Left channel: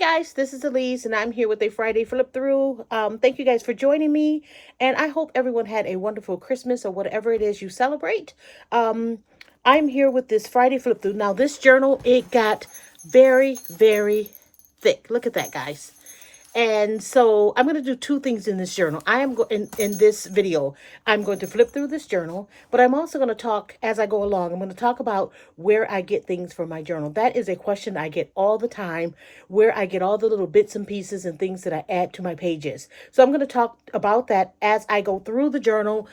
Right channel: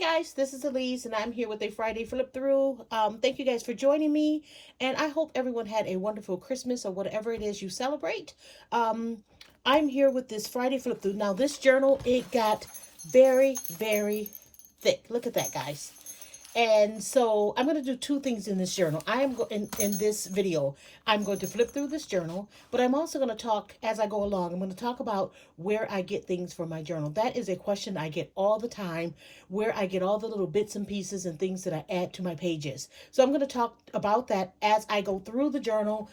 guys, this is Elise and I'm here with a Friday flip through. Thank you guys for joining me, and I hope everyone had a wonderful Christmas or whatever it is you celebrate. Um, I'm here with this Friday flip through. Now this journal, it got very thick. Look at that, guys. And so I'm going to do two things in this journal. I am in this video, I'm going to flip through this journal, but I'm also going to talk as I go along. I'm going to talk about where I get things for my journal. That is a question I get all the time, where I get all the little bits and pieces and things that I add to my pages. So I'm going to talk about that as I go through the journal,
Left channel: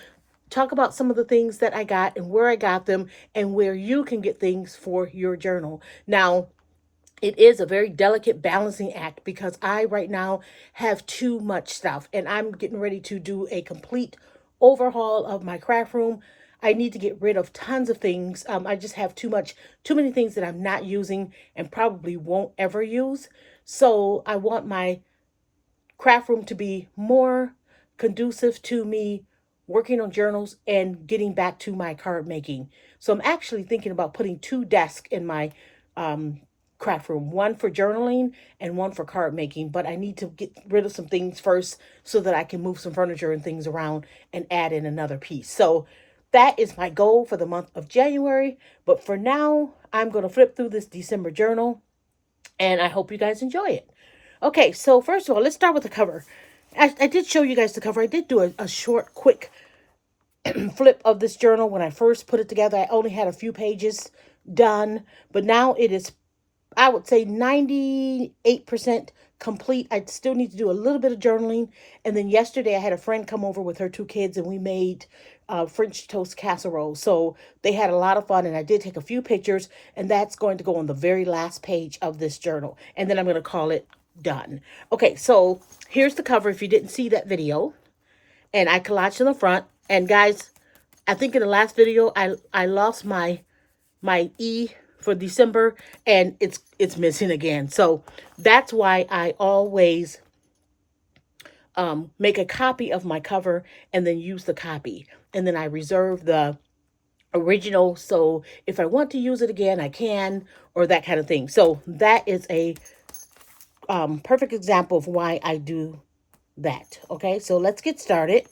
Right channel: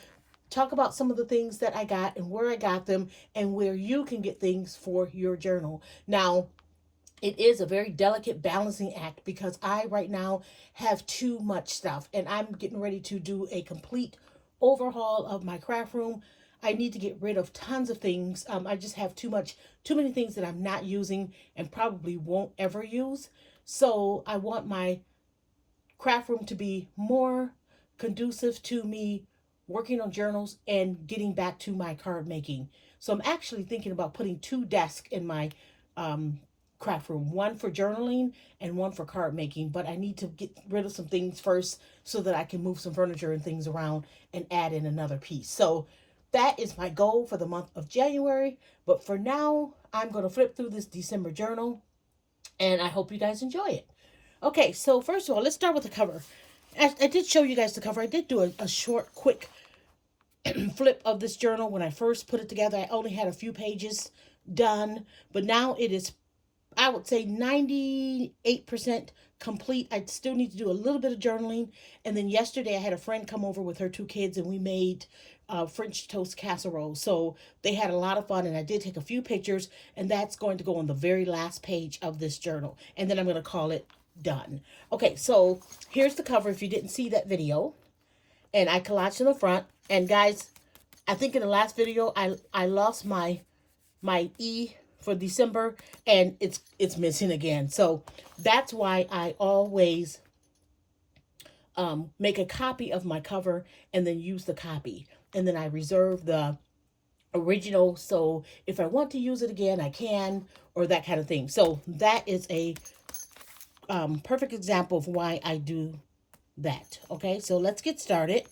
talk about some of the things that I got and where I got them and where you can get things for your journal. Now, it is a very delicate balancing act because I right now have too much stuff and I'm getting ready to do a complete overhaul of my craft room. I need to get rid of tons of things. I just have too many things that I'm not using and probably won't ever use. So I want my craft room to be more conducive to me working on journals and getting back to my card making. So I'm actually thinking about putting two desks in my um, craft room, one for journaling and one for card making. But I need to get rid of some things first so that I can move some furniture and things around and add in another piece. So that is my goal for the month of January. But for now, I'm going to flip through this December journal and I hope you guys enjoy it. Okay, so first of all, let's start with the cover. I did show you guys the cover. I did do a short, quick flip of this journal when I first put it together. I only had a few pages done, but now it is, I would say, 98% complete. I still need to do a little bit of journaling. And then yesterday I had a friend come over with her two kids and we made French toast casserole. So they had a lot of fun and I did take a few pictures, and that's going to go on the very last page of this journal. And then I'm going to call it done. Okay, so here's the cover if you didn't see that video. And I collaged in the front. And guys, I think in the last video I lost my E for December and it's missing again. So that's why I always make a copy of my cover and then use the copy. And then I reserve the original. So if I want to use it again, I can, or that kind of thing. So that is a perfect example of why I do that. Okay, so let's get started.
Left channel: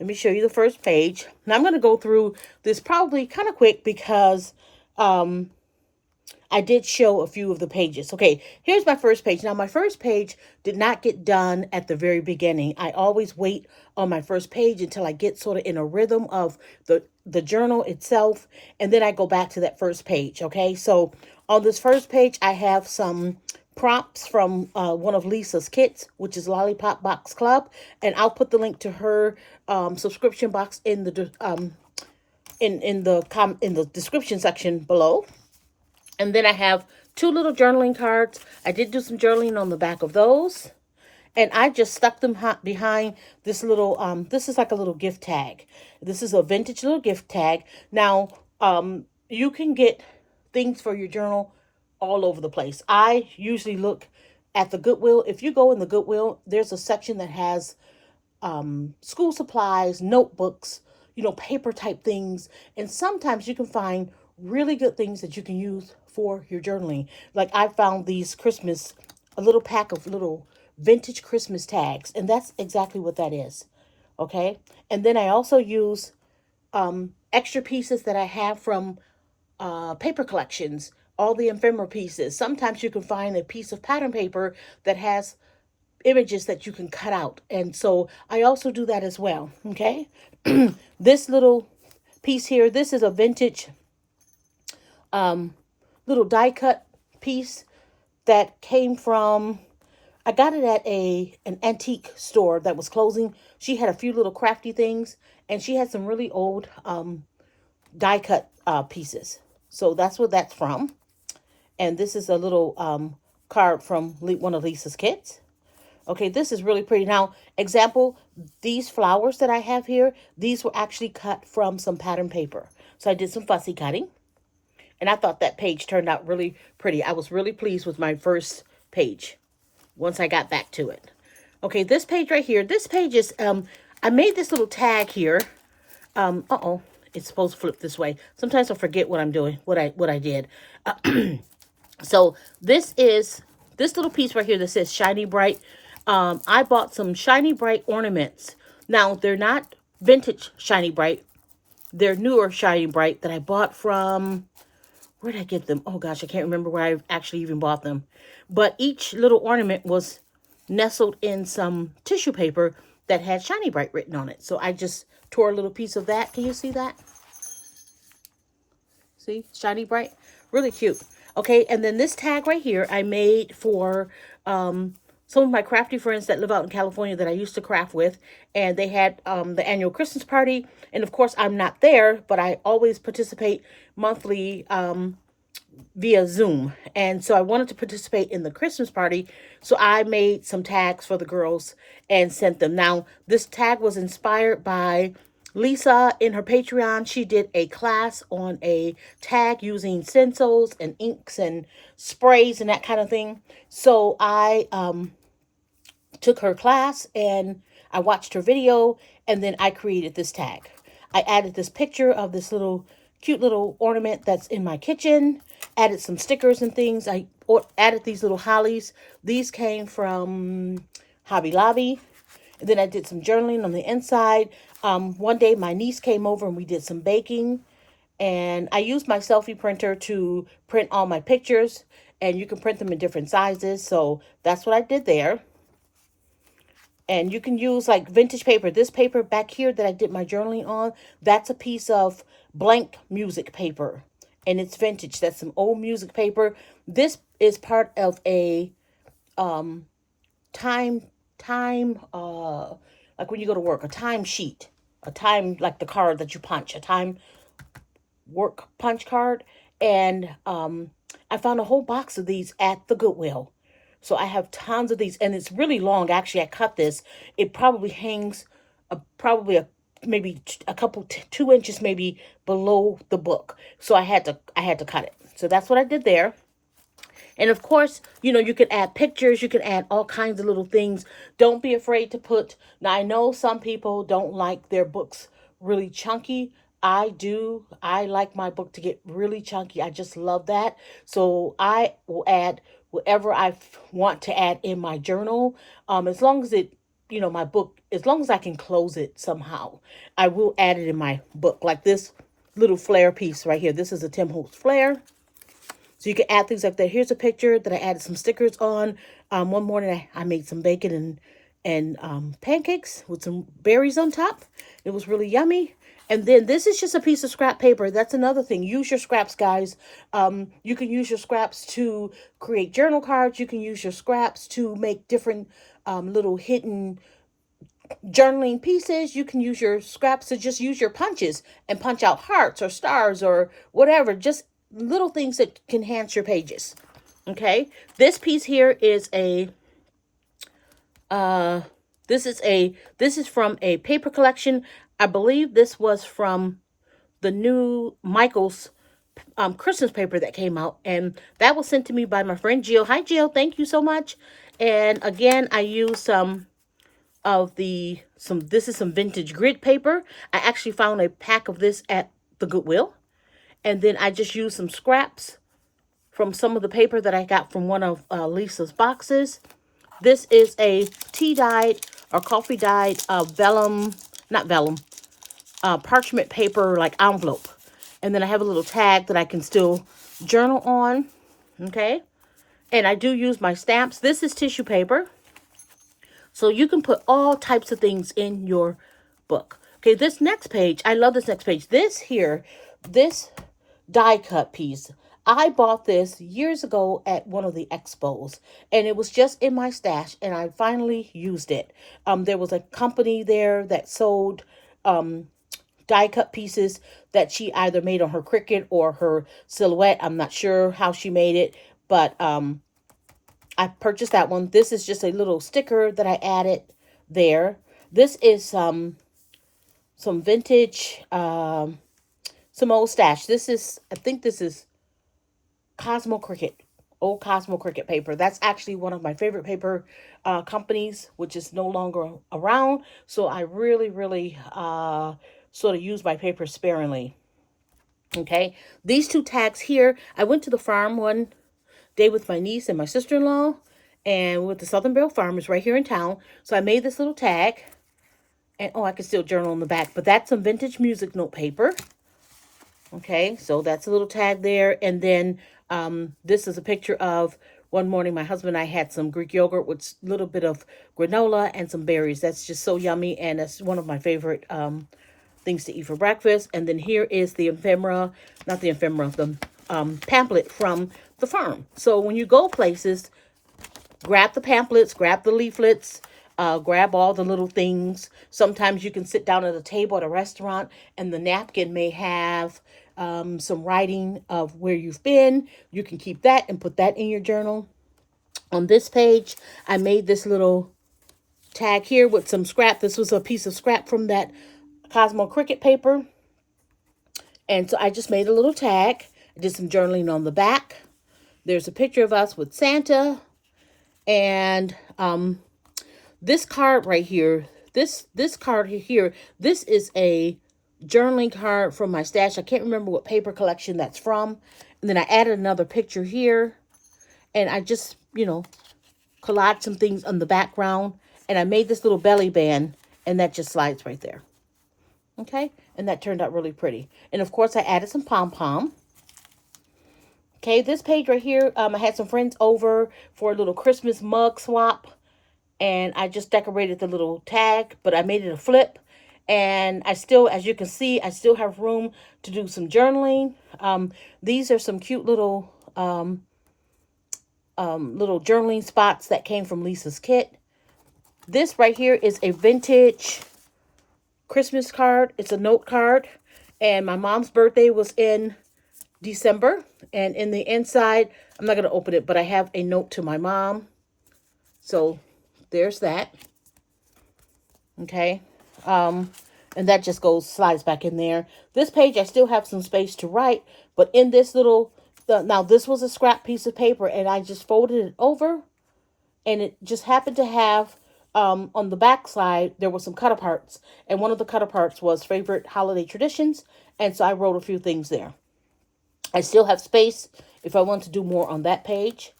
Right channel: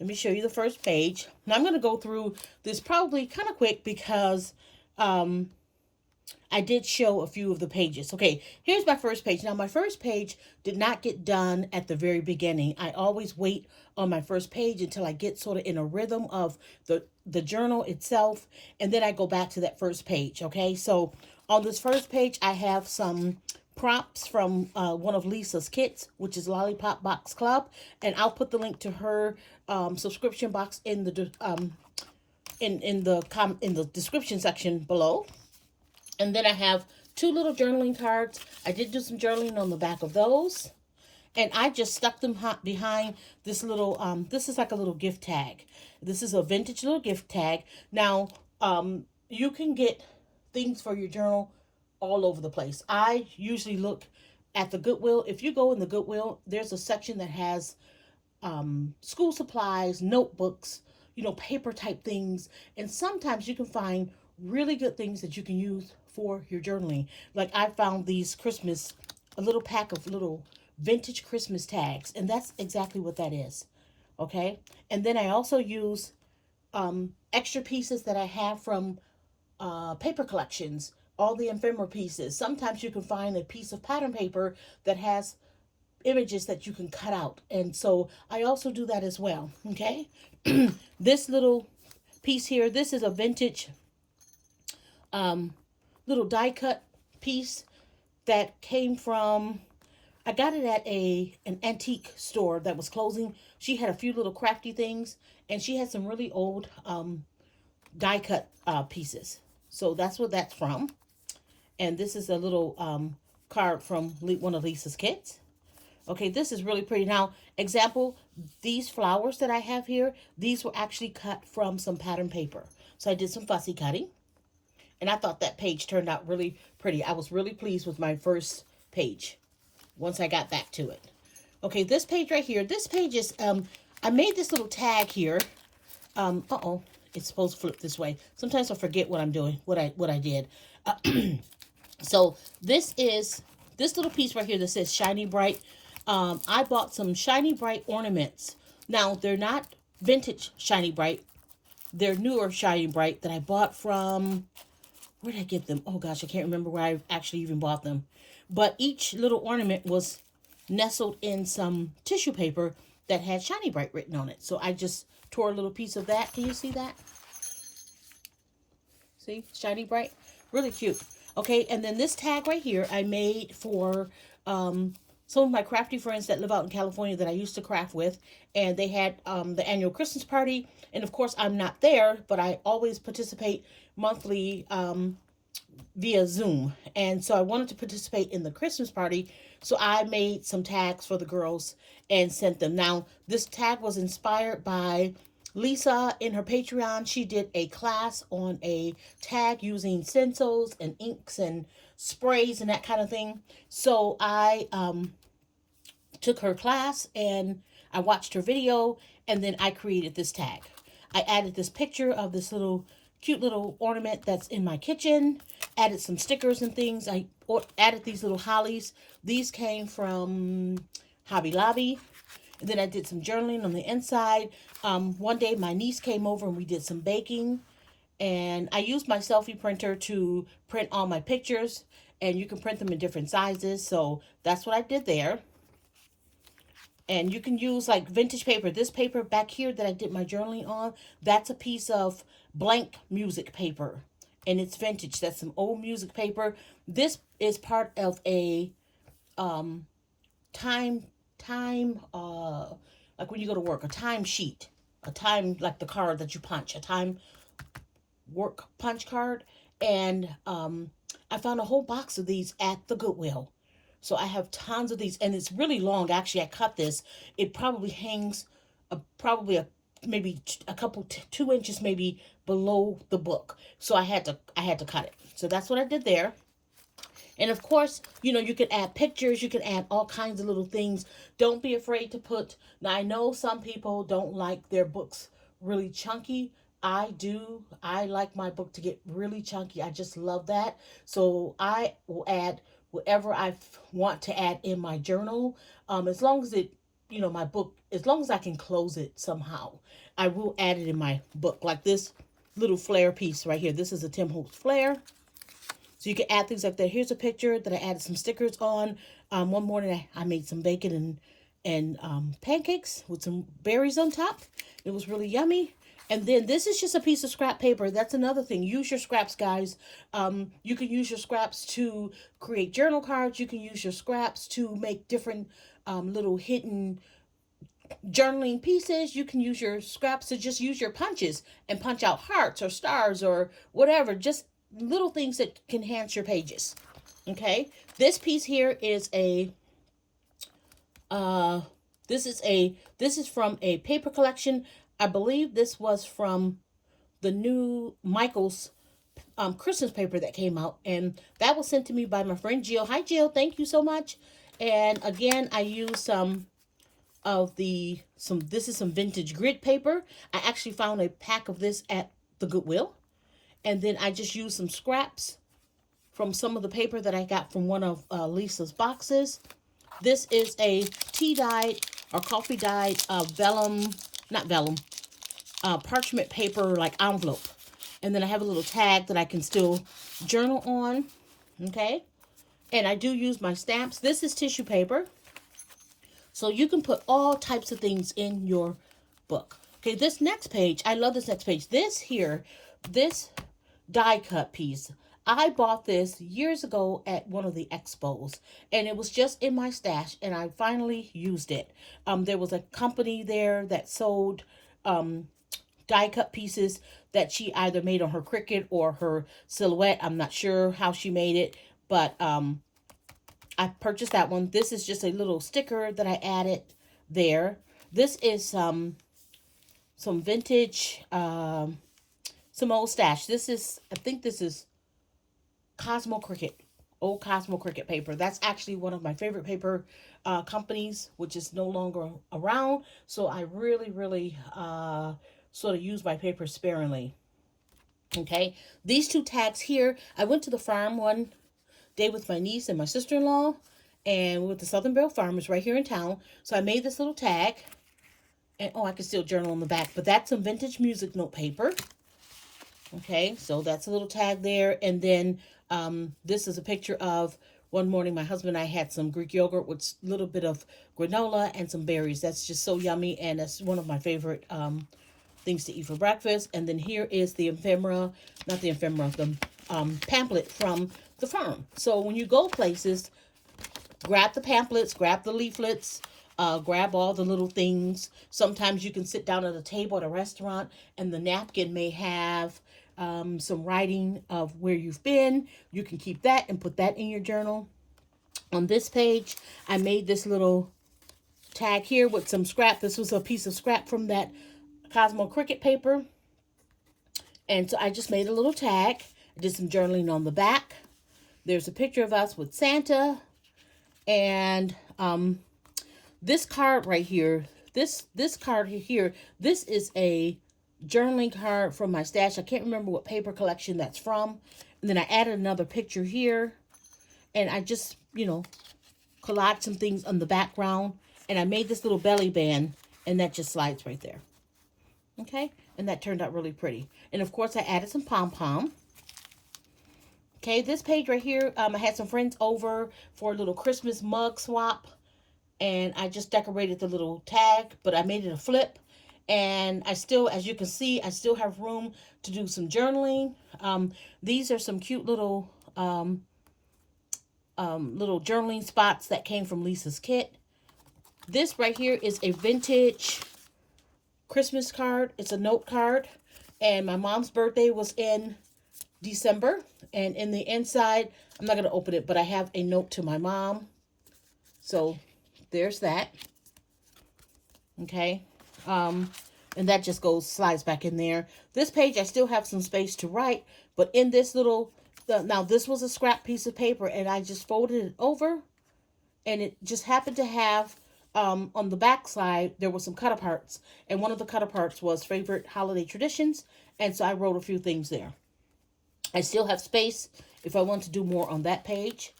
Let me show you the first page. Now I'm going to go through this probably kind of quick because I did show a few of the pages. Okay, here's my first page. Now my first page did not get done at the very beginning. I always wait on my first page until I get sort of in a rhythm of the journal itself, and then I go back to that first page. Okay, so on this first page I have some prompts from one of Lisa's kits, which is Lollipop Box Club, and I'll put the link to her subscription box in the in the description section below. And then I have two little journaling cards. I did do some journaling on the back of those, and I just stuck them behind this little this is like a little gift tag. This is a vintage little gift tag. Now you can get things for your journal all over the place. I usually look at the Goodwill. If you go in the Goodwill, there's a section that has school supplies, notebooks, paper type things. And sometimes you can find really good things that you can use for your journaling. Like I found these a little pack of little vintage Christmas tags. And that's exactly what that is. Okay. And then I also use extra pieces that I have from paper collections, all the ephemera pieces. Sometimes you can find a piece of pattern paper that has images that you can cut out. And so I also do that as well. Okay. This little piece here, this is a vintage little die cut piece that came from, I got it at an antique store that was closing. She had a few little crafty things and she had some really old die cut pieces. So that's what that's from. And this is a little card from one of Lisa's kits. Okay, this is really pretty. Now, example, these flowers that I have here, these were actually cut from some pattern paper. So I did some fussy cutting. And I thought that page turned out really pretty. I was really pleased with my first page once I got back to it. Okay, this page right here, this page is, I made this little tag here. It's supposed to flip this way. Sometimes I forget what I'm doing, what I did. So this is this little piece right here that says Shiny Bright. I bought some Shiny Bright ornaments. Now, they're not vintage Shiny Bright. They're newer Shiny Bright that I bought from, where did I get them? Oh gosh, I can't remember where I actually even bought them. But each little ornament was nestled in some tissue paper that had Shiny Bright written on it. So I just tore a little piece of that. Can you see that? See? Shiny Bright. Really cute. Okay, and then this tag right here I made for some of my crafty friends that live out in California that I used to craft with. And they had the annual Christmas party. And of course, I'm not there, but I always participate monthly via Zoom. And so I wanted to participate in the Christmas party. So I made some tags for the girls and sent them. Now, this tag was inspired by Lisa in her Patreon. She did a class on a tag using stencils and inks and sprays and that kind of thing. So I took her class and I watched her video, and then I created this tag. I added this picture of this little cute little ornament that's in my kitchen, added some stickers and things. I added these little hollies. These came from Hobby Lobby. And then I did some journaling on the inside. One day my niece came over and we did some baking. And I used my selfie printer to print all my pictures. And you can print them in different sizes. So that's what I did there. And you can use like vintage paper. This paper back here that I did my journaling on, that's a piece of blank music paper. And it's vintage. That's some old music paper. This is part of a time, like when you go to work, a time sheet. A time, like the card that you punch. A time work punch card. And I found a whole box of these at the Goodwill. So I have tons of these, and it's really long. Actually, I cut this. It probably hangs maybe a couple 2 inches maybe below the book. So I had to cut it. So that's what I did there. And of course, you know, you can add pictures, you can add all kinds of little things. Don't be afraid to put, now I know some people don't like their books really chunky. I do. I like my book to get really chunky. I just love that. So I will add whatever I want to add in my journal. As long as it, you know, my book, as long as I can close it somehow, I will add it in my book. Like this little flare piece right here. This is a Tim Holtz flare. So you can add things like that. Here's a picture that I added some stickers on. One morning I made some bacon and pancakes with some berries on top. It was really yummy. And then this is just a piece of scrap paper. That's another thing. Use your scraps, guys. You can use your scraps to create journal cards. You can use your scraps to make different little hidden journaling pieces. You can use your scraps to just use your punches and punch out hearts or stars or whatever. Just little things that can enhance your pages. Okay. This piece here is this is from a paper collection. I believe this was from the new Michael's Christmas paper that came out. And that was sent to me by my friend Jill. Hi, Jill. Thank you so much. And again, I used some of this is some vintage grid paper. I actually found a pack of this at the Goodwill. And then I just used some scraps from some of the paper that I got from one of Lisa's boxes. This is a tea-dyed or coffee-dyed parchment paper, like envelope. And then I have a little tag that I can still journal on. Okay. And I do use my stamps. This is tissue paper. So you can put all types of things in your book. Okay, this next page, I love this next page. This die cut piece, I bought this years ago at one of the expos, and it was just in my stash, and I finally used it. There was a company there that sold die cut pieces that she either made on her Cricut or her Silhouette. I'm not sure how she made it, but I purchased that one. This is just a little sticker that I added there. This is some vintage, some old stash. I think this is Cosmo Cricut, old Cosmo Cricut paper. That's actually one of my favorite paper companies, which is no longer around. So I really sort of use my paper sparingly. Okay, these two tags here, I went to the farm one day with my niece and my sister-in-law, and with the Southern Belle Farmers right here in town. So I made this little tag. And, oh, I can still journal on the back. But that's some vintage music note paper. Okay, so that's a little tag there. And then this is a picture of one morning my husband and I had some Greek yogurt with a little bit of granola and some berries. That's just so yummy. And that's one of my favorite things to eat for breakfast. And then here is the ephemera, not the ephemera, the pamphlet from the farm. So when you go places, grab the pamphlets, grab the leaflets, grab all the little things. Sometimes you can sit down at a table at a restaurant and the napkin may have some writing of where you've been. You can keep that and put that in your journal. On this page, I made this little tag here with some scrap. This was a piece of scrap from that Cosmo Cricut paper. And so I just made a little tag. I did some journaling on the back. There's a picture of us with Santa. And this card right here, this card here, this is a journaling card from my stash. I can't remember what paper collection that's from. And then I added another picture here. And I just, collaged some things on the background. And I made this little belly band. And that just slides right there. Okay? And that turned out really pretty. And of course, I added some pom-pom. Okay, this page right here, I had some friends over for a little Christmas mug swap. And I just decorated the little tag, but I made it a flip. And I still, as you can see, I still have room to do some journaling. These are some cute little journaling spots that came from Lisa's kit. This right here is a vintage Christmas card. It's a note card. And my mom's birthday was in December. And in the inside, I'm not going to open it, but I have a note to my mom. So there's that. Okay. And that just slides back in there. This page, I still have some space to write, but in this little, now this was a scrap piece of paper and I just folded it over and it just happened to have, on the back side, there were some cut aparts and one of the cut aparts was favorite holiday traditions. And so I wrote a few things there. I still have space if I want to do more on that page.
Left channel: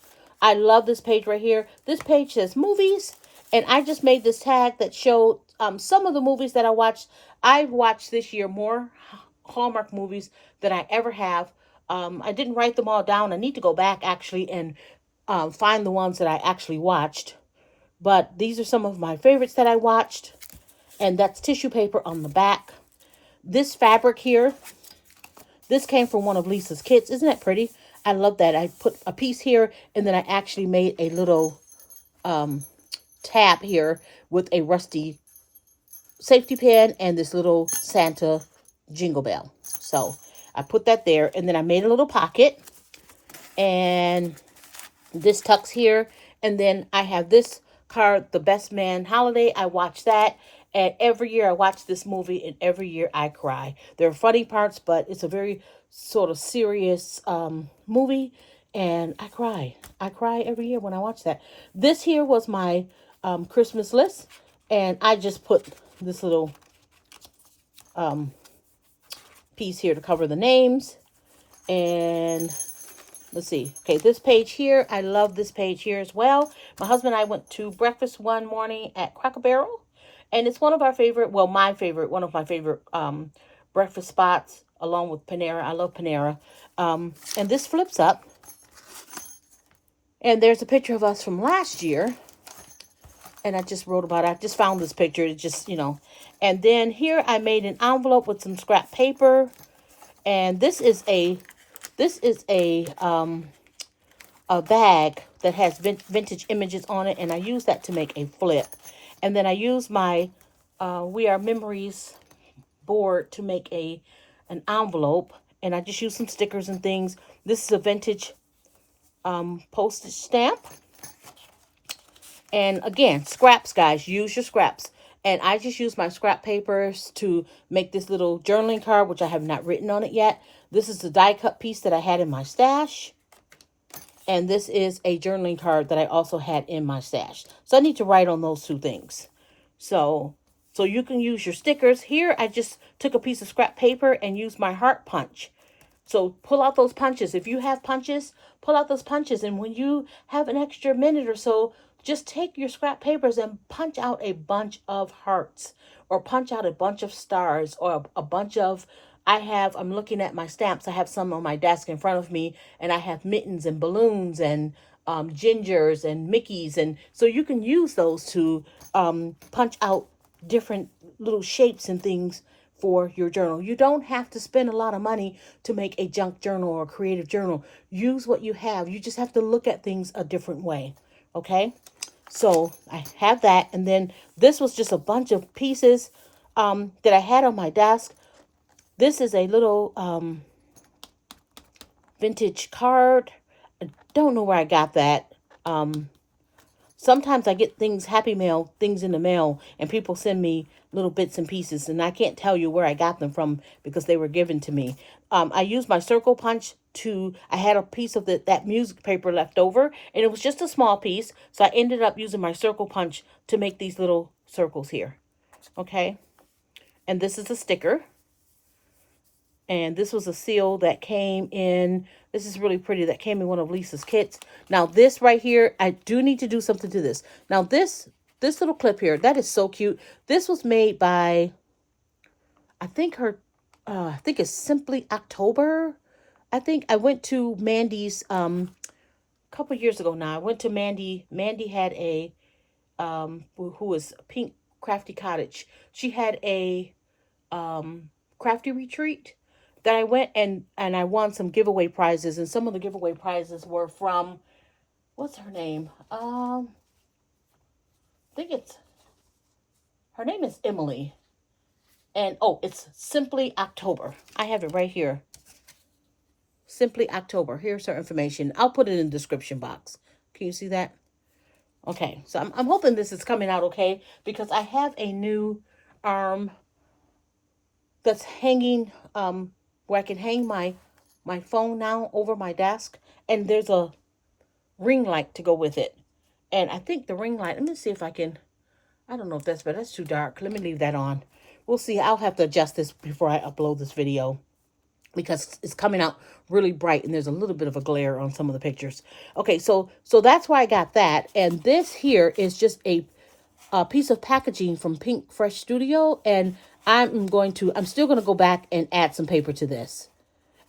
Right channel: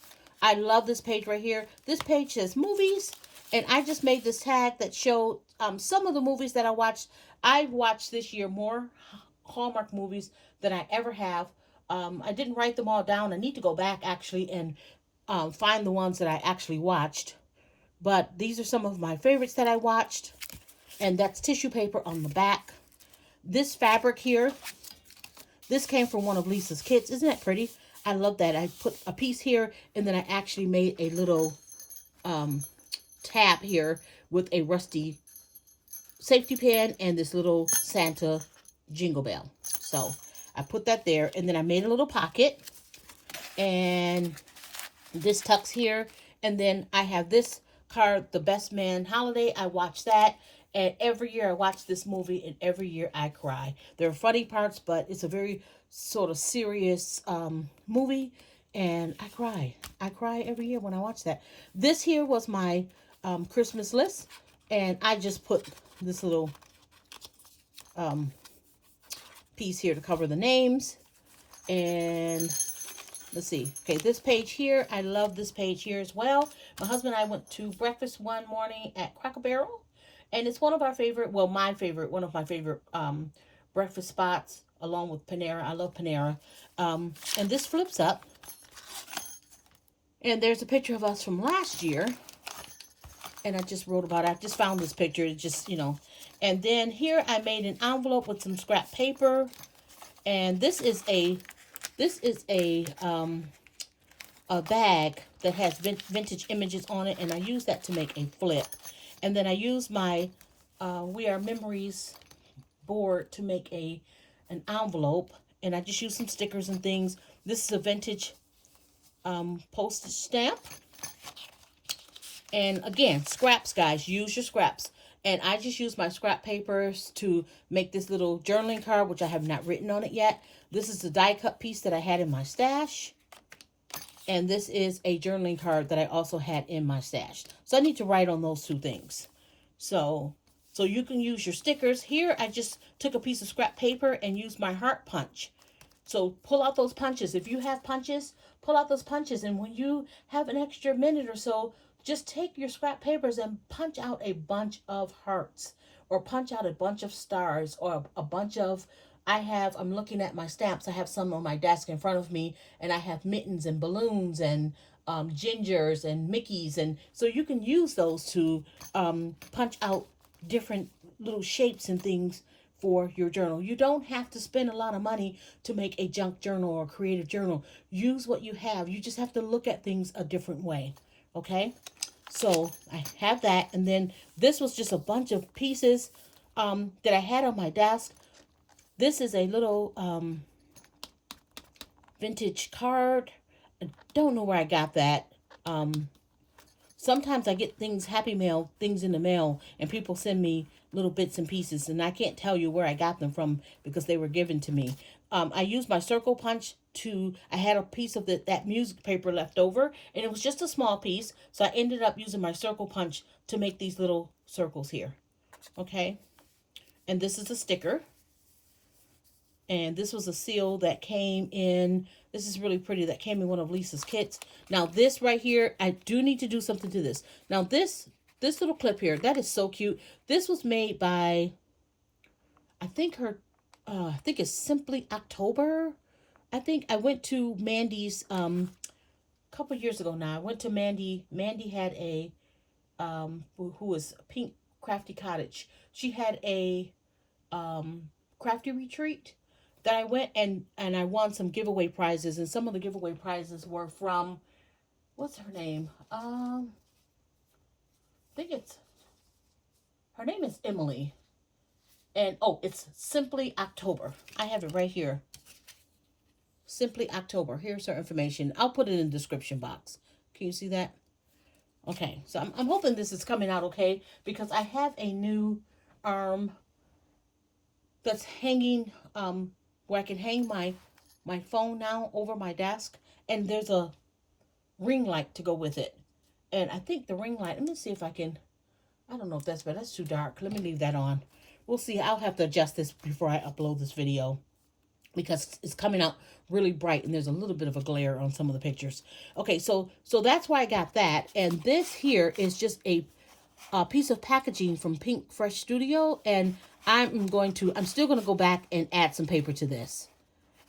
I love this page right here. This page says movies. And I just made this tag that showed some of the movies that I watched. I've watched this year more Hallmark movies than I ever have. I didn't write them all down. I need to go back actually and find the ones that I actually watched. But these are some of my favorites that I watched. And that's tissue paper on the back. This fabric here, this came from one of Lisa's kits. Isn't that pretty? I love that. I put a piece here and then I actually made a little tab here with a rusty safety pin and this little Santa jingle bell. So I put that there and then I made a little pocket and this tucks here. And then I have this card, The Best Man Holiday. I watch that. And every year I watch this movie and every year I cry. There are funny parts, but it's a very sort of serious movie. And I cry. I cry every year when I watch that. This here was my Christmas list. And I just put this little piece here to cover the names. And let's see. Okay, this page here. I love this page here as well. My husband and I went to breakfast one morning at Cracker Barrel. And it's one of our favorite, well, one of my favorite breakfast spots along with Panera. I love Panera. And this flips up. And there's a picture of us from last year. And I just wrote about it. I just found this picture. It just, And then here I made an envelope with some scrap paper. And this is a bag that has vintage images on it. And I use that to make a flip. And then I use my We Are Memories board to make an envelope. And I just use some stickers and things. This is a vintage postage stamp. And again, scraps, guys. Use your scraps. And I just use my scrap papers to make this little journaling card, which I have not written on it yet. This is the die cut piece that I had in my stash. And this is a journaling card that I also had in my stash. So I need to write on those two things. So you can use your stickers. Here, I just took a piece of scrap paper and used my heart punch. So pull out those punches. If you have punches, pull out those punches. And when you have an extra minute or so, just take your scrap papers and punch out a bunch of hearts, or punch out a bunch of stars, or a bunch of, I'm looking at my stamps. I have some on my desk in front of me, and I have mittens and balloons and gingers and Mickeys. And so you can use those to punch out different little shapes and things for your journal. You don't have to spend a lot of money to make a junk journal or a creative journal. Use what you have. You just have to look at things a different way. Okay? So I have that. And then this was just a bunch of pieces that I had on my desk. This is a little vintage card. I don't know where I got that. Sometimes I get things, happy mail, things in the mail, and people send me little bits and pieces, and I can't tell you where I got them from because they were given to me. I used my circle punch I had a piece of that music paper left over, and it was just a small piece, so I ended up using my circle punch to make these little circles here. Okay? And this is a sticker. And this was a seal that came in. This is really pretty. That came in one of Lisa's kits. Now this right here, I do need to do something to this. Now this little clip here, that is so cute. This was made by, I think I think it's Simply October. I think I went to Mandy's a couple years ago now. I went to Mandy. Mandy had a who was Pink Crafty Cottage. She had a crafty retreat that I went and I won some giveaway prizes, and some of the giveaway prizes were from, what's her name? I think her name is Emily. And it's Simply October. I have it right here. Simply October. Here's her information. I'll put it in the description box. Can you see that? Okay, so I'm hoping this is coming out okay, because I have a new arm that's hanging where I can hang my phone now over my desk, and there's a ring light to go with it. And I think the ring light, let me see if I can, I don't know if that's, but that's too dark. Let me leave that on. We'll see. I'll have to adjust this before I upload this video because it's coming out really bright and there's a little bit of a glare on some of the pictures. Okay, so that's why I got that. And this here is just a piece of packaging from Pink Fresh Studio, and I'm still going to go back and add some paper to this.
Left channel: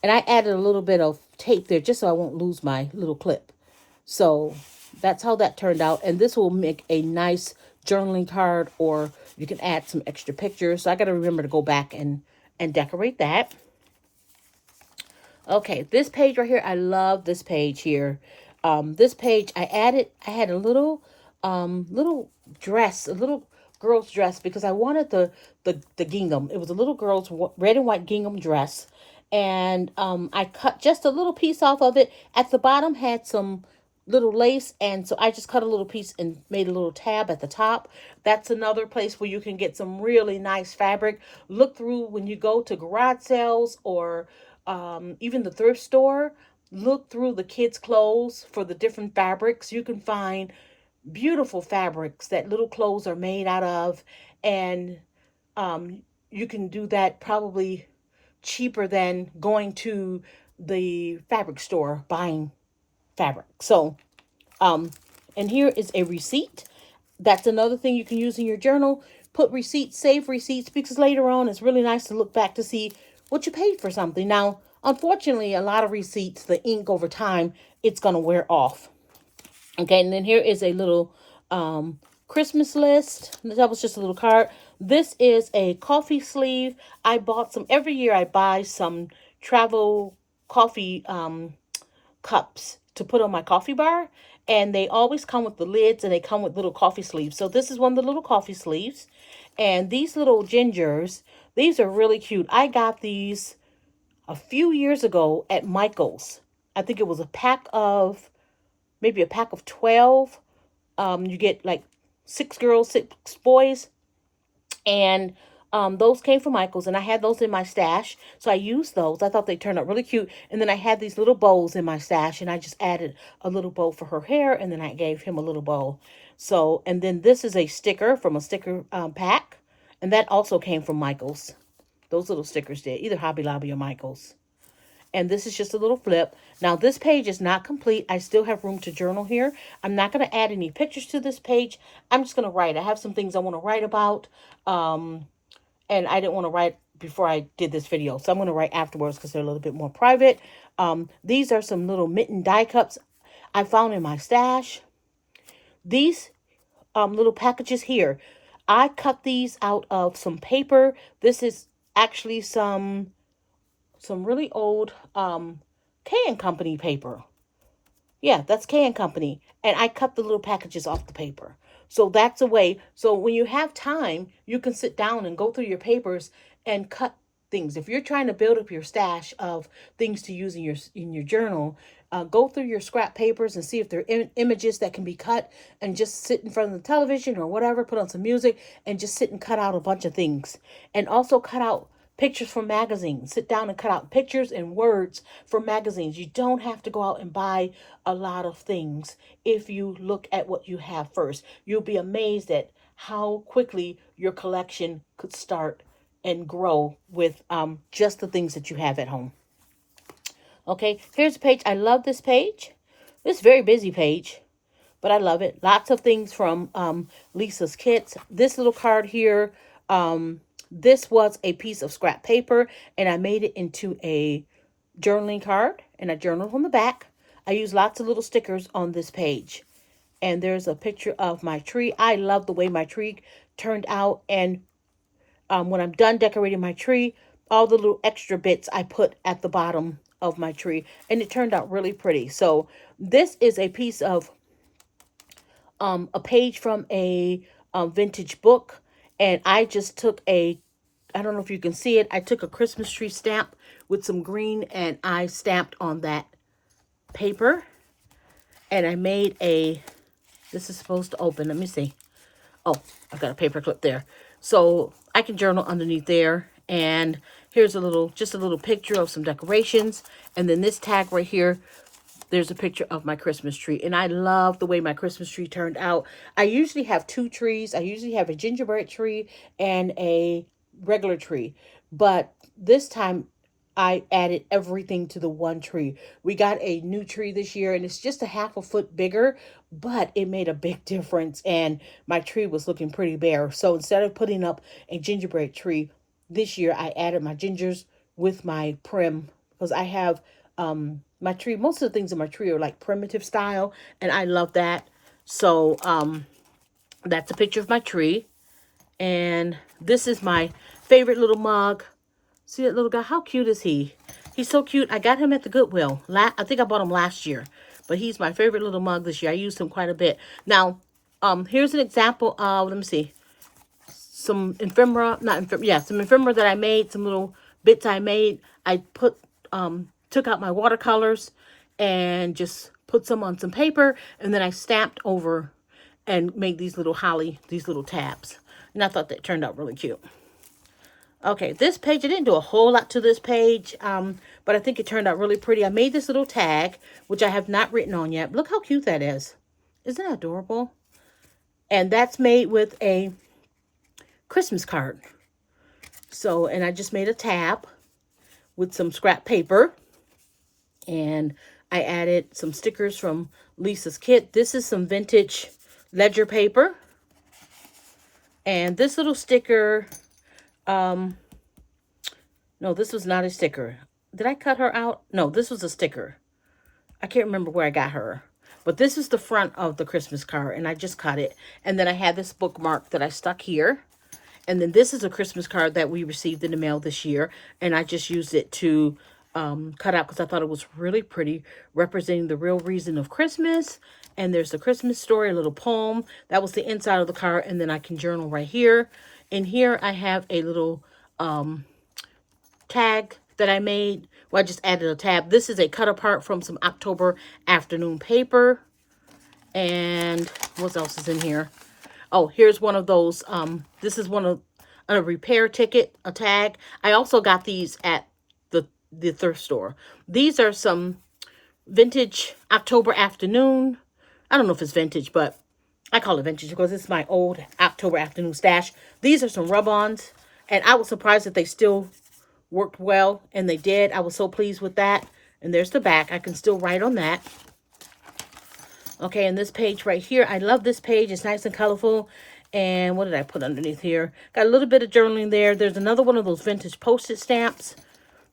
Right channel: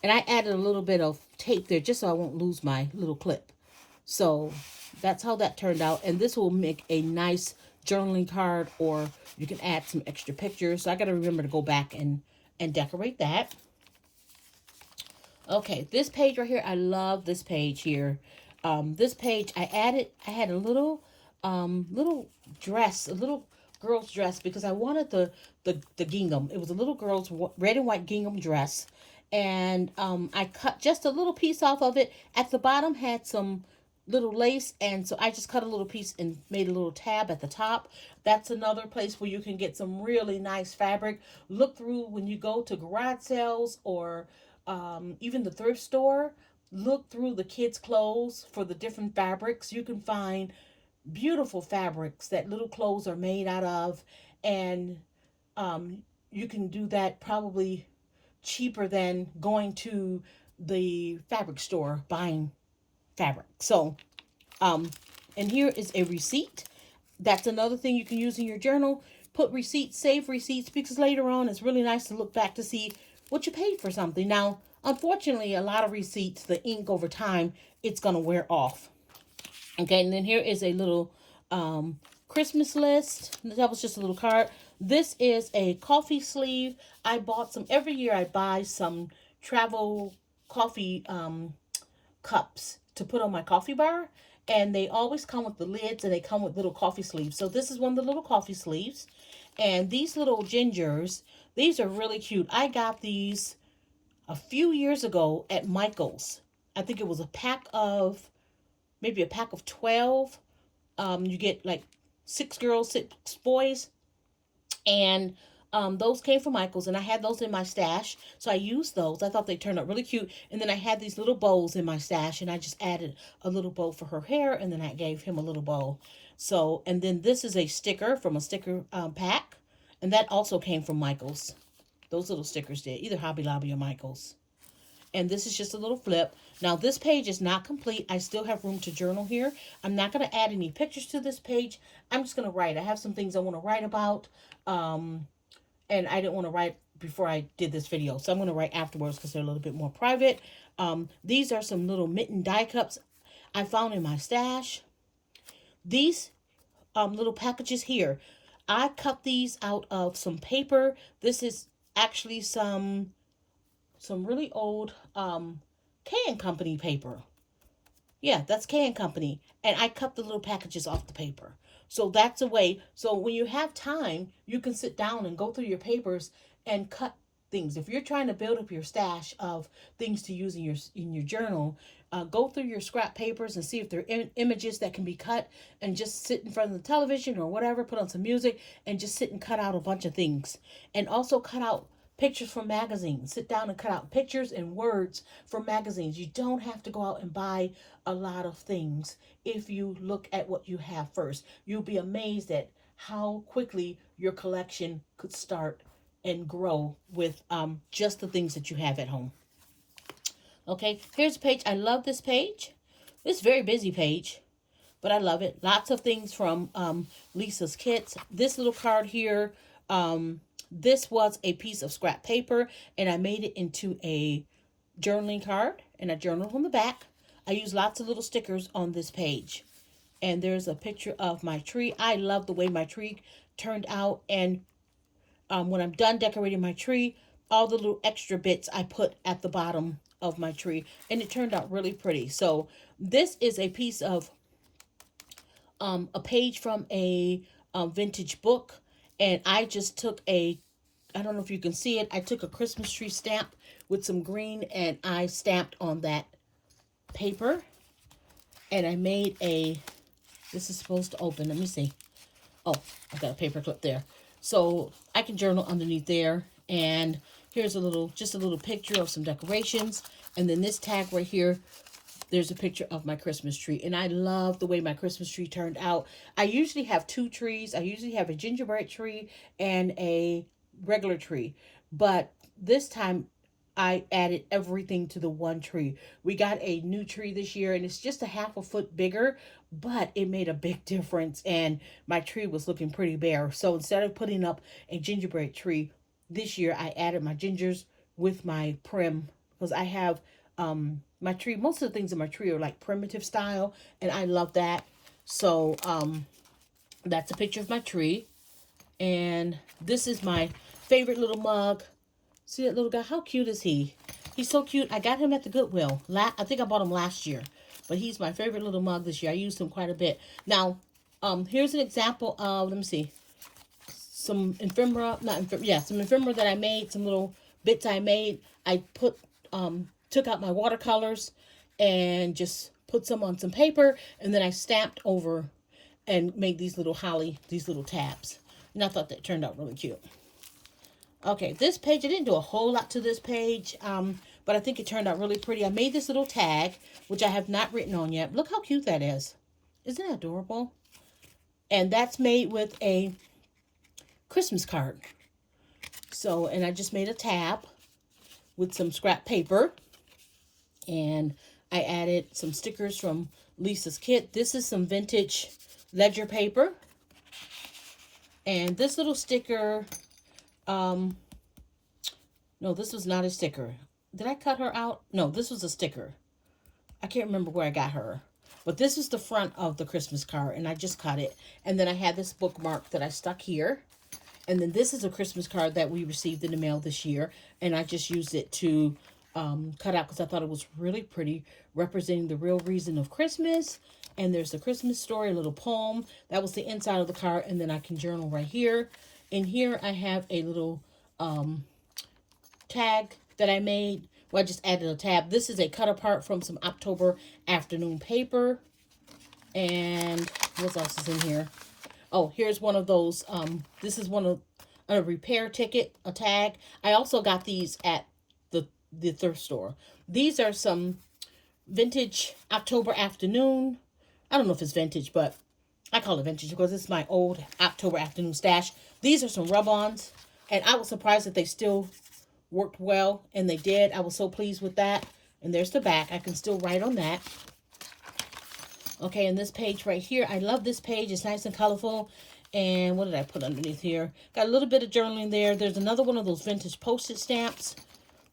And I added a little bit of tape there just so I won't lose my little clip. So that's how that turned out. And this will make a nice journaling card, or you can add some extra pictures. So I got to remember to go back and decorate that. Okay, this page right here, I love this page here. This page, I had a little dress, a little girl's dress, because I wanted the gingham. It was a little girl's red and white gingham dress. And I cut just a little piece off of it. At the bottom had some little lace, and so I just cut a little piece and made a little tab at the top. That's another place where you can get some really nice fabric. Look through when you go to garage sales or even the thrift store. Look through the kids' clothes for the different fabrics. You can find beautiful fabrics that little clothes are made out of, and you can do that probably cheaper than going to the fabric store buying fabric. So and here is a receipt. That's another thing you can use in your journal. Put receipts, save receipts, because later on it's really nice to look back to see what you paid for something. Now, unfortunately, a lot of receipts, the ink over time, it's going to wear off. Okay, and then here is a little Christmas list. That was just a little card. This is a coffee sleeve. I bought some, every year I buy some travel coffee cups to put on my coffee bar. And they always come with the lids, and they come with little coffee sleeves. So this is one of the little coffee sleeves. And these little gingers, these are really cute. I got these a few years ago at Michael's. I think it was maybe a pack of 12. You get like 6 girls, 6 boys. And those came from Michael's, and I had those in my stash. So I used those. I thought they turned out really cute. And then I had these little bows in my stash, and I just added a little bow for her hair, and then I gave him a little bow. So, and then this is a sticker from a sticker pack, and that also came from Michael's. Those little stickers did, either Hobby Lobby or Michael's. And this is just a little flip. Now, this page is not complete. I still have room to journal here. I'm not going to add any pictures to this page. I'm just going to write. I have some things I want to write about. And I didn't want to write before I did this video. So I'm going to write afterwards because they're a little bit more private. These are some little mitten die cups I found in my stash. These little packages here, I cut these out of some paper. This is actually some really old K & Company paper. Yeah, that's K & Company. And I cut the little packages off the paper. So that's a way. So when you have time, you can sit down and go through your papers and cut things. If you're trying to build up your stash of things to use in your journal, go through your scrap papers and see if there are images that can be cut, and just sit in front of the television or whatever, put on some music and just sit and cut out a bunch of things. And also cut out pictures from magazines. Sit down and cut out pictures and words from magazines. You don't have to go out and buy a lot of things if you look at what you have first. You'll be amazed at how quickly your collection could start and grow with just the things that you have at home. Okay, here's a page. I love this page. This is a very busy page, but I love it. Lots of things from Lisa's Kits. This little card here, this was a piece of scrap paper, and I made it into a journaling card, and I journaled on the back. I used lots of little stickers on this page. And there's a picture of my tree. I love the way my tree turned out. And when I'm done decorating my tree, all the little extra bits I put at the bottom of my tree. And it turned out really pretty. So this is a piece of a page from a vintage book. And I just took I don't know if you can see it, I took a Christmas tree stamp with some green, and I stamped on that paper. And I made this is supposed to open, let me see. Oh, I've got a paper clip there. So I can journal underneath there. And here's just a little picture of some decorations. And then this tag right here, there's a picture of my Christmas tree. And I love the way my Christmas tree turned out. I usually have two trees. I usually have a gingerbread tree and a regular tree. But this time I added everything to the one tree. We got a new tree this year, and it's just a half a foot bigger, but it made a big difference. And my tree was looking pretty bare. So instead of putting up a gingerbread tree this year, I added my gingers with my prim, because I have my tree, most of the things in my tree are like primitive style, and I love that. So that's a picture of my tree. And this is my favorite little mug. See that little guy? How cute is he? He's so cute. I got him at the Goodwill. I think I bought him last year, but he's my favorite little mug this year. I used him quite a bit. Now, here's an example of, let me see, some ephemera, some ephemera that I made, some little bits I made. I took out my watercolors and just put some on some paper, and then I stamped over and made these little tabs. And I thought that turned out really cute. Okay, this page, I didn't do a whole lot to this page, but I think it turned out really pretty. I made this little tag, which I have not written on yet. Look how cute that is. Isn't that adorable? And that's made with a Christmas card. So, and I just made a tab with some scrap paper. And I added some stickers from Lisa's Kit. This is some vintage ledger paper. And this little sticker, no, this was not a sticker. Did I cut her out? No, this was a sticker. I can't remember where I got her. But this is the front of the Christmas card, and I just cut it. And then I had this bookmark that I stuck here. And then this is a Christmas card that we received in the mail this year. And I just used it to cut out because I thought it was really pretty, representing the real reason of Christmas. And there's the Christmas story, a little poem. That was the inside of the card. And then I can journal right here. And here I have a little tag that I made. Well, I just added a tab. This is a cut apart from some October afternoon paper. And what else is in here? Oh, here's one of those. This is one of a repair ticket, a tag. I also got these at the thrift store. These are some vintage October afternoon. I don't know if it's vintage, but I call it vintage because it's my old October afternoon stash. These are some rub-ons, and I was surprised that they still worked well, and they did. I was so pleased with that. And there's the back. I can still write on that. Okay, and this page right here, I love this page. It's nice and colorful. And what did I put underneath here? Got a little bit of journaling there. There's another one of those vintage postage stamps.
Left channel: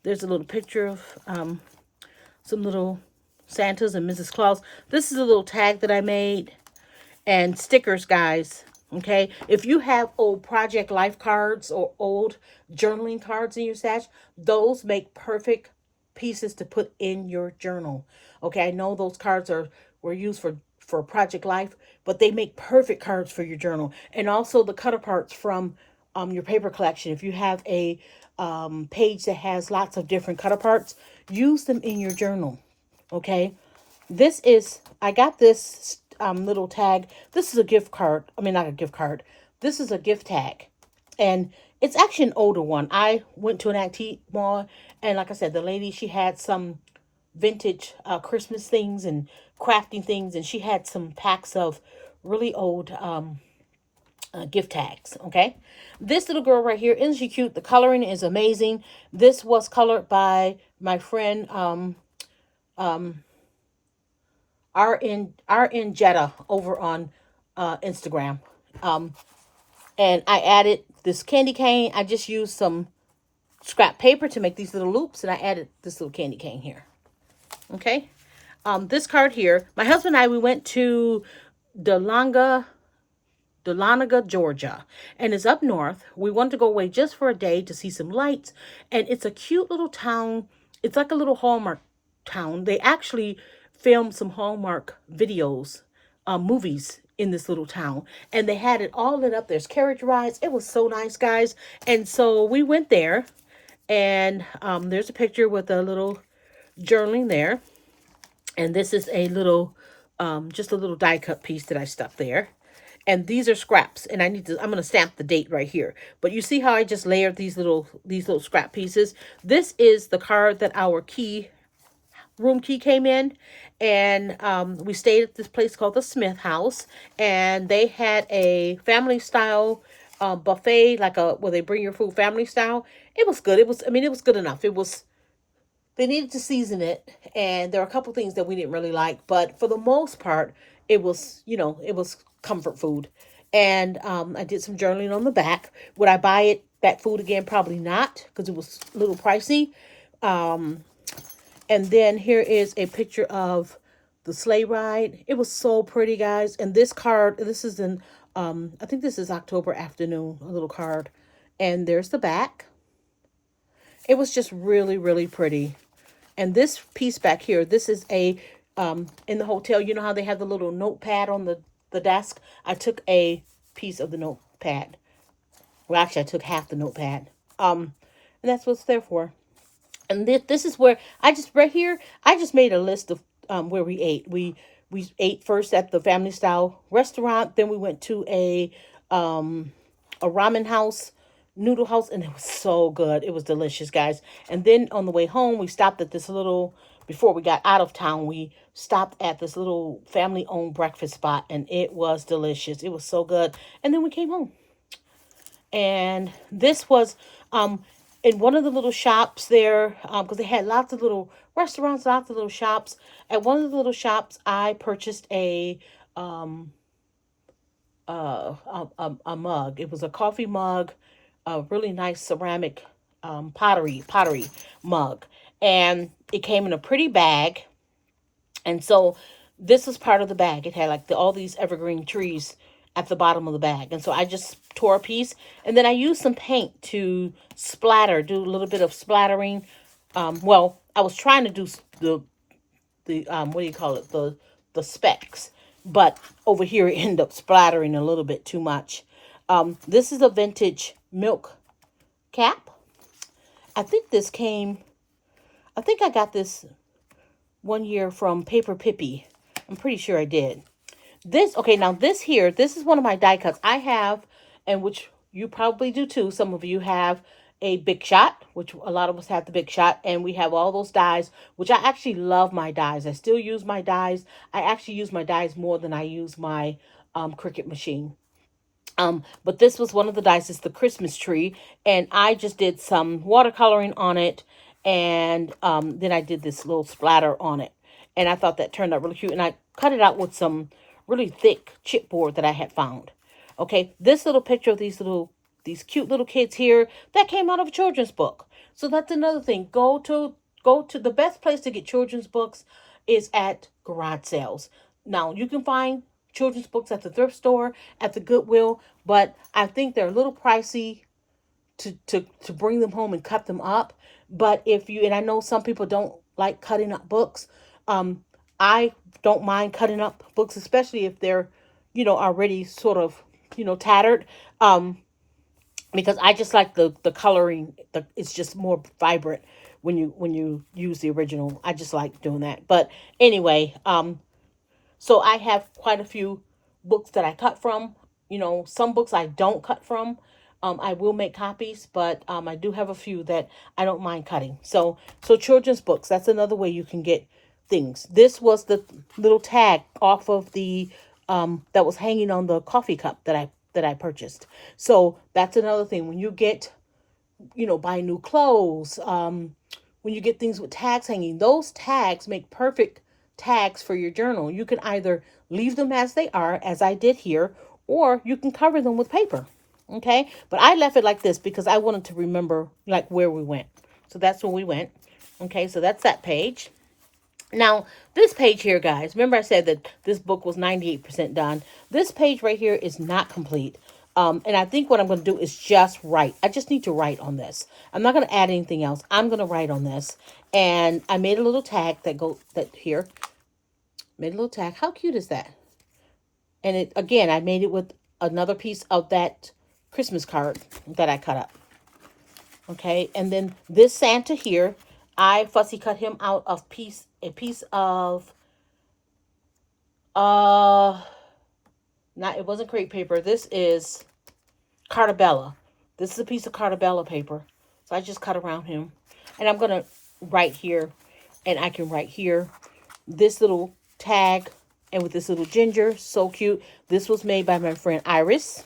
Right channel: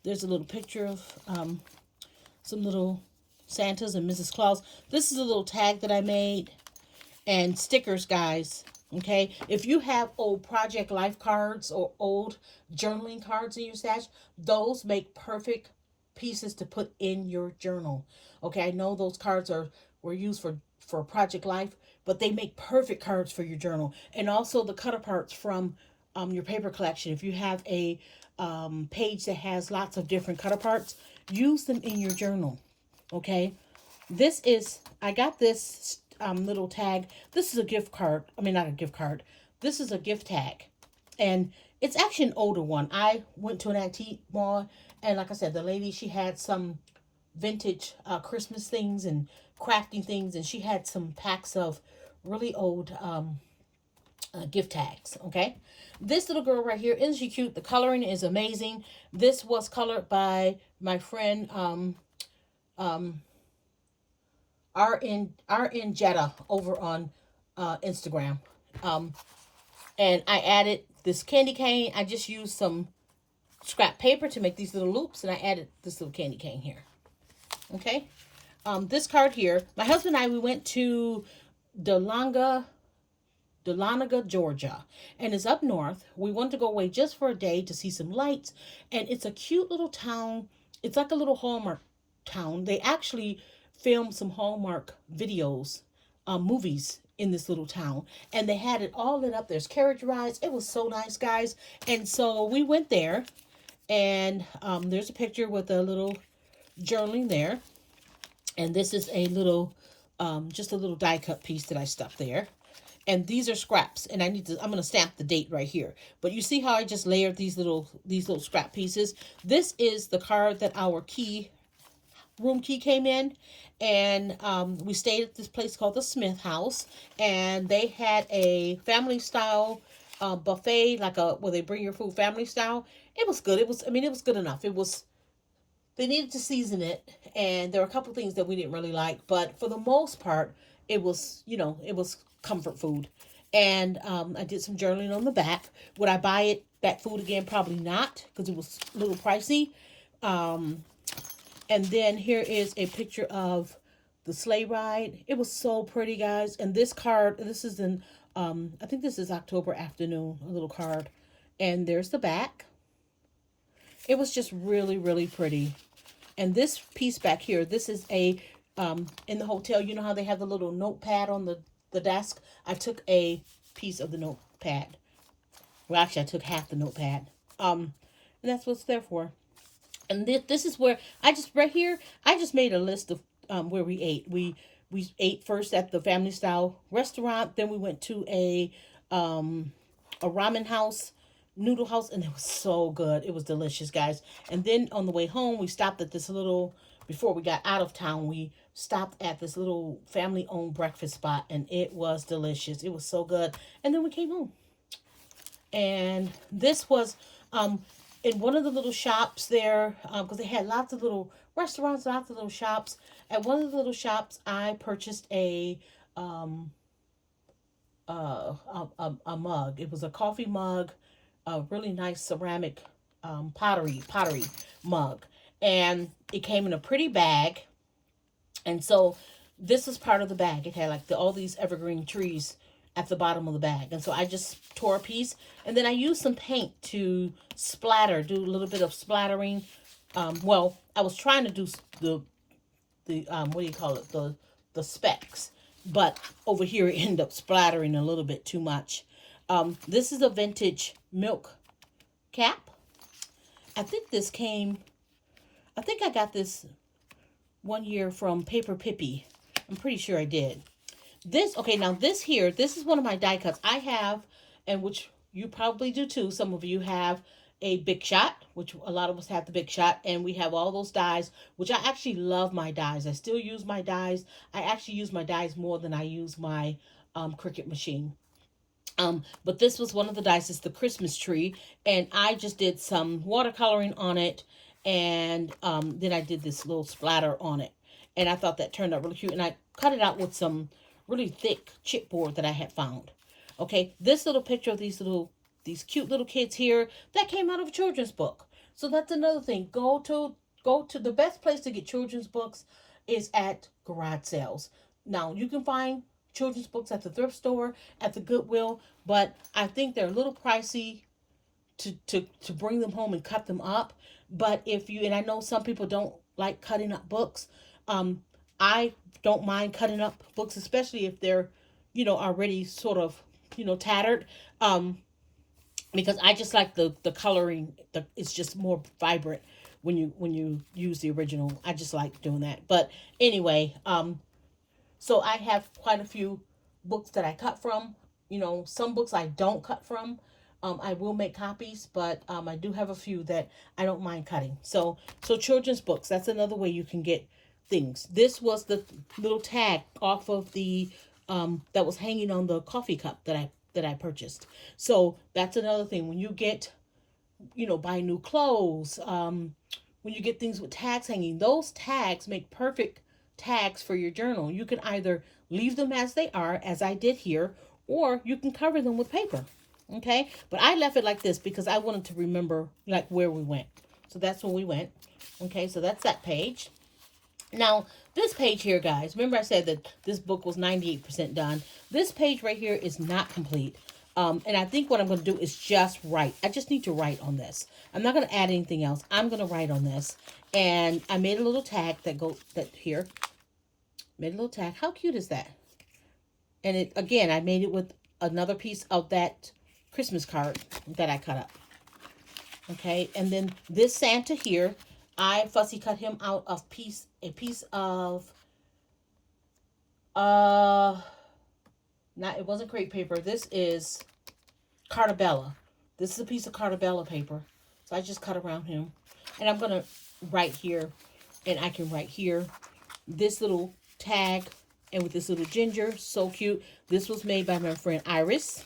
There's a little picture of some little Santas and Mrs. Claus. This is a little tag that I made. And stickers, guys. Okay, if you have old Project Life cards or old journaling cards in your stash, those make perfect pieces to put in your journal. Okay, I know those cards were used for Project Life, but they make perfect cards for your journal. And also the cut aparts from your paper collection. If you have a page that has lots of different cut aparts, use them in your journal. Okay, I got this little tag. This is a gift card. I mean, not a gift card. This is a gift tag. And it's actually an older one. I went to an antique mall, and like I said, the lady, she had some vintage Christmas things and crafting things, and she had some packs of really old gift tags. Okay, this little girl right here, isn't she cute? The coloring is amazing. This was colored by my friend RN Jetta over on Instagram. And I added this candy cane. I just used some scrap paper to make these little loops, and I added this little candy cane here. Okay. This card here, my husband and I, we went to Dahlonega, Georgia, and it's up north. We wanted to go away just for a day to see some lights, and it's a cute little town. It's like a little Hallmark town. They actually filmed some Hallmark videos, movies in this little town, and they had it all lit up. There's carriage rides. It was so nice, guys. And so we went there, and there's a picture with a little journaling there. And this is a little, just a little die cut piece that I stuck there. And these are scraps, and I'm going to stamp the date right here. But you see how I just layered these little scrap pieces? This is the card that our room key came in, and we stayed at this place called the Smith House, and they had a family style buffet, like where they bring your food family style. It was good. It was good enough. They needed to season it, and there were a couple things that we didn't really like, but for the most part, it was comfort food. And I did some journaling on the back. Would I buy that food again? Probably not, because it was a little pricey. And then here is a picture of the sleigh ride. It was so pretty, guys. And this card, this is in, I think this is October afternoon, a little card. And there's the back. It was just really, really pretty. And this piece back here, this is in the hotel, you know how they have the little notepad on the desk? I took a piece of the notepad. Well, actually, I took half the notepad. And that's what it's there for. And this is where I just made a list of where we ate. We ate first at the family style restaurant. Then we went to a ramen house, noodle house, and it was so good. It was delicious, guys. And then on the way home, we stopped at this little, before we got out of town, we stopped at this little family-owned breakfast spot, and it was delicious. It was so good. And then we came home. And this was in one of the little shops there, because they had lots of little restaurants, lots of little shops. At one of the little shops, I purchased a mug. It was a coffee mug, a really nice ceramic pottery mug, and it came in a pretty bag. And so this was part of the bag. It had like all these evergreen trees at the bottom of the bag. And so I just tore a piece, and then I used some paint to do a little bit of splattering. Well, I was trying to do the what do you call it? The specks, but over here it ended up splattering a little bit too much. This is a vintage milk cap. I think I got this one year from Paper Pippy. I'm pretty sure I did. This is one of my die cuts I have, and which you probably do too. Some of you have a Big Shot, which a lot of us have the Big Shot, and we have all those dies, which I actually love my dies. I still use my dies. I actually use my dies more than I use my Cricut machine. But this was one of the dice. It's the Christmas tree. And I just did some watercoloring on it. And then I did this little splatter on it. And I thought that turned out really cute. And I cut it out with some really thick chipboard that I had found. Okay, this little picture of these cute little kids here, that came out of a children's book. So that's another thing. Go to the best place to get children's books is at garage sales. Now, you can find children's books at the thrift store, at the Goodwill, but I think they're a little pricey to bring them home and cut them up. But if you, and I know some people don't like cutting up books, I don't mind cutting up books, especially if they're, already sort of, tattered. Because I just like the coloring. It's just more vibrant when you use the original. I just like doing that. But anyway, so I have quite a few books that I cut from. Some books I don't cut from. I will make copies, but I do have a few that I don't mind cutting. So children's books, that's another way you can get things. This was the little tag off of the that was hanging on the coffee cup that I purchased. So that's another thing. When you get, buy new clothes, when you get things with tags hanging, those tags make perfect tags for your journal. You can either leave them as they are, as I did here, or you can cover them with paper. Okay, but I left it like this because I wanted to remember like where we went. So that's where we went. Okay, so that's that page. Now, this page here, guys, remember I said that this book was 98% done. This page right here is not complete. And I think what I'm going to do is just write. I just need to write on this. I'm not going to add anything else. I'm going to write on this. And I made a little tag that here. Made a little tag. How cute is that? And it, again, I made it with another piece of that Christmas card that I cut up. Okay, and then this Santa here, I fussy cut him out of a piece of not, it wasn't crepe paper. This is Cartabella. This is a piece of Cartabella paper. So I just cut around him. And I'm gonna write here, and I can write here this little tag, and with this little ginger, so cute. This was made by my friend Iris.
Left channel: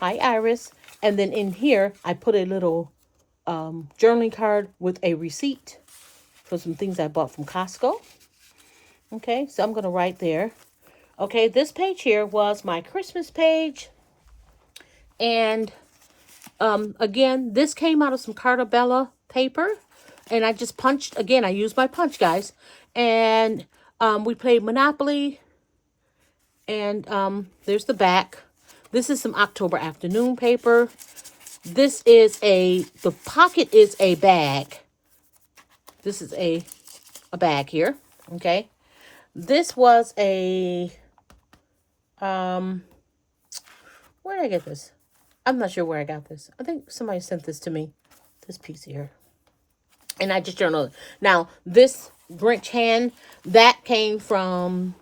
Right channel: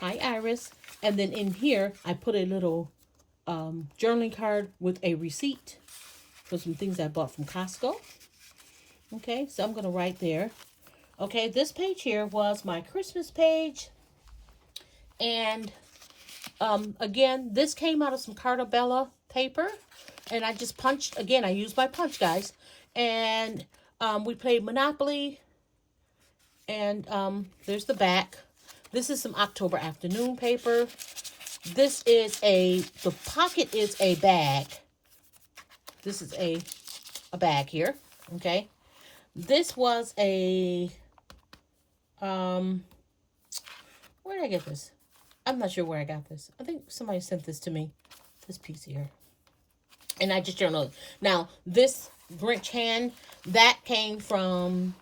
Hi, Iris. And then in here, I put a little journaling card with a receipt for some things I bought from Costco. Okay, so I'm going to write there. Okay, this page here was my Christmas page. And again, this came out of some Cartabella paper. And I just punched, again, I used my punch, guys. And we played Monopoly. And there's the back. This is some October afternoon paper. This is the pocket is a bag. This is a bag here, okay? This was where did I get this? I'm not sure where I got this. I think somebody sent this to me, this piece here. And I just journaled. Now, this Grinch hand, that came from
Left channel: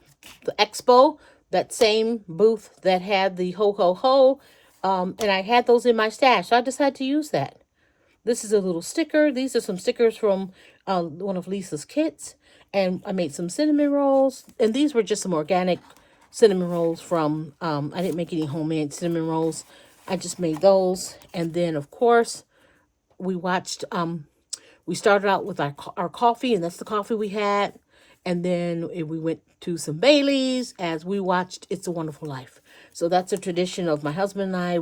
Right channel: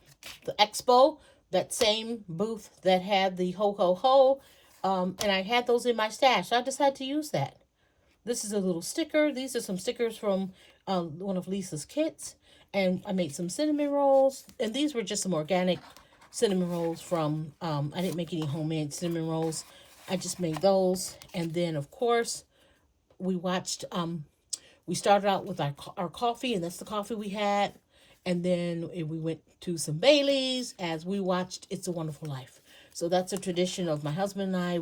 the expo, that same booth that had the ho, ho, ho. And I had those in my stash, so I decided to use that. This is a little sticker. These are some stickers from one of Lisa's kits. And I made some cinnamon rolls. And these were just some organic cinnamon rolls from, I didn't make any homemade cinnamon rolls. I just made those. And then, of course, we watched, we started out with our coffee, and that's the coffee we had. And then we went to some Baileys as we watched It's a Wonderful Life. So that's a tradition of my husband and I.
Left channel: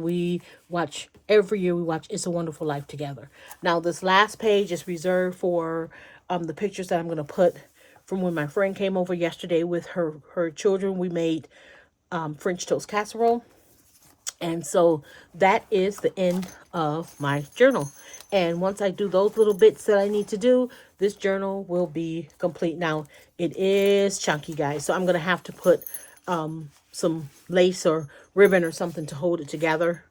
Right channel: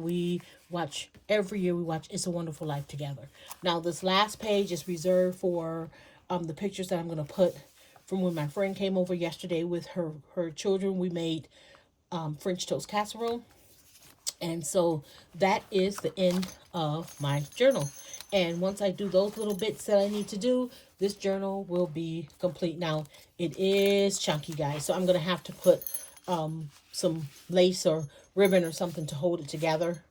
Every year we watch It's a Wonderful Life together. Now, this last page is reserved for the pictures that I'm going to put from when my friend came over yesterday with her children. We made French toast casserole. And so that is the end of my journal. And once I do those little bits that I need to do, this journal will be complete. Now, it is chunky, guys. So I'm going to have to put some lace or ribbon or something to hold it together,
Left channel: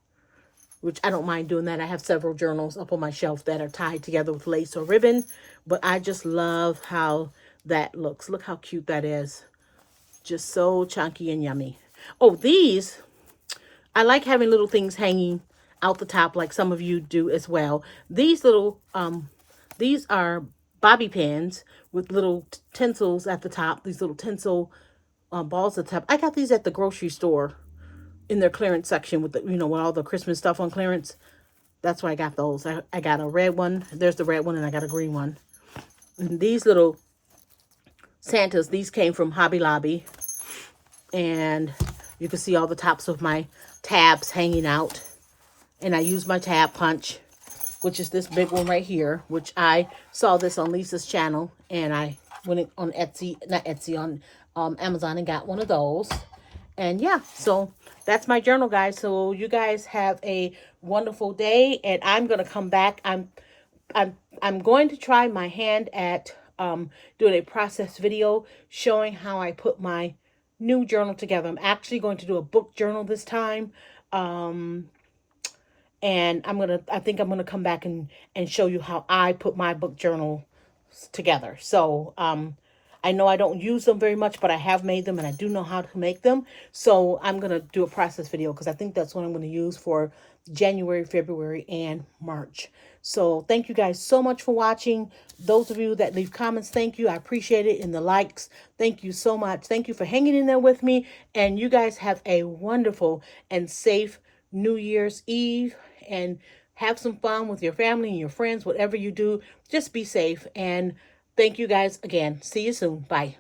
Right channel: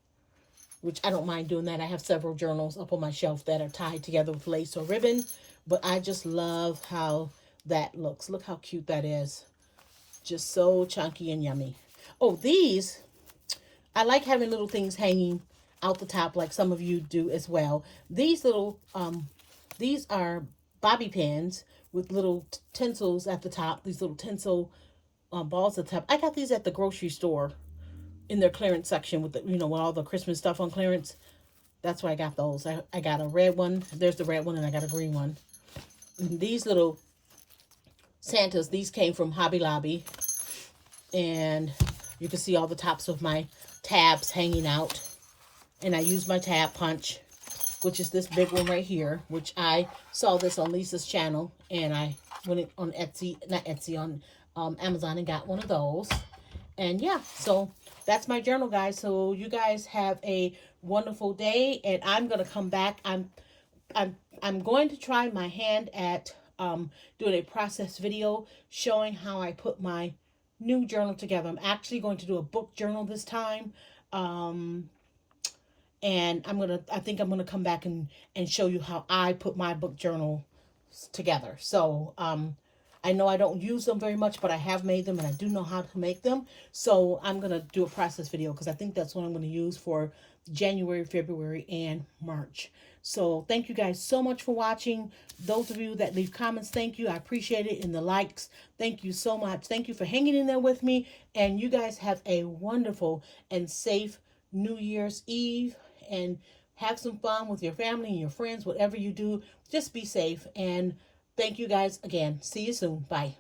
which I don't mind doing that. I have several journals up on my shelf that are tied together with lace or ribbon. But I just love how that looks. Look how cute that is. Just so chunky and yummy. Oh, these, I like having little things hanging out the top like some of you do as well. These little, these are bobby pins with little tinsels at the top. These little tinsel balls at the top. I got these at the grocery store in their clearance section with the, you know, with all the Christmas stuff on clearance. That's why I got those. I got a red one. There's the red one, and I got a green one. And these little Santas, these came from Hobby Lobby. And you can see all the tops of my tabs hanging out. And I use my tab punch, which is this big one right here, which I saw this on Lisa's channel. And I went on Etsy, not Etsy, on Amazon and got one of those. And yeah, so that's my journal, guys. So you guys have a wonderful day, and I'm gonna come back. I'm going to try my hand at doing a process video showing how I put my new journal together. I'm actually going to do a book journal this time. And I think I'm gonna come back and show you how I put my book journal together. So I know I don't use them very much, but I have made them and I do know how to make them. So I'm going to do a process video because I think that's what I'm going to use for January, February, and March. So thank you guys so much for watching. Those of you that leave comments, thank you. I appreciate it. And the likes, thank you so much. Thank you for hanging in there with me. And you guys have a wonderful and safe New Year's Eve. And have some fun with your family and your friends, whatever you do. Just be safe. And thank you guys again. See you soon. Bye.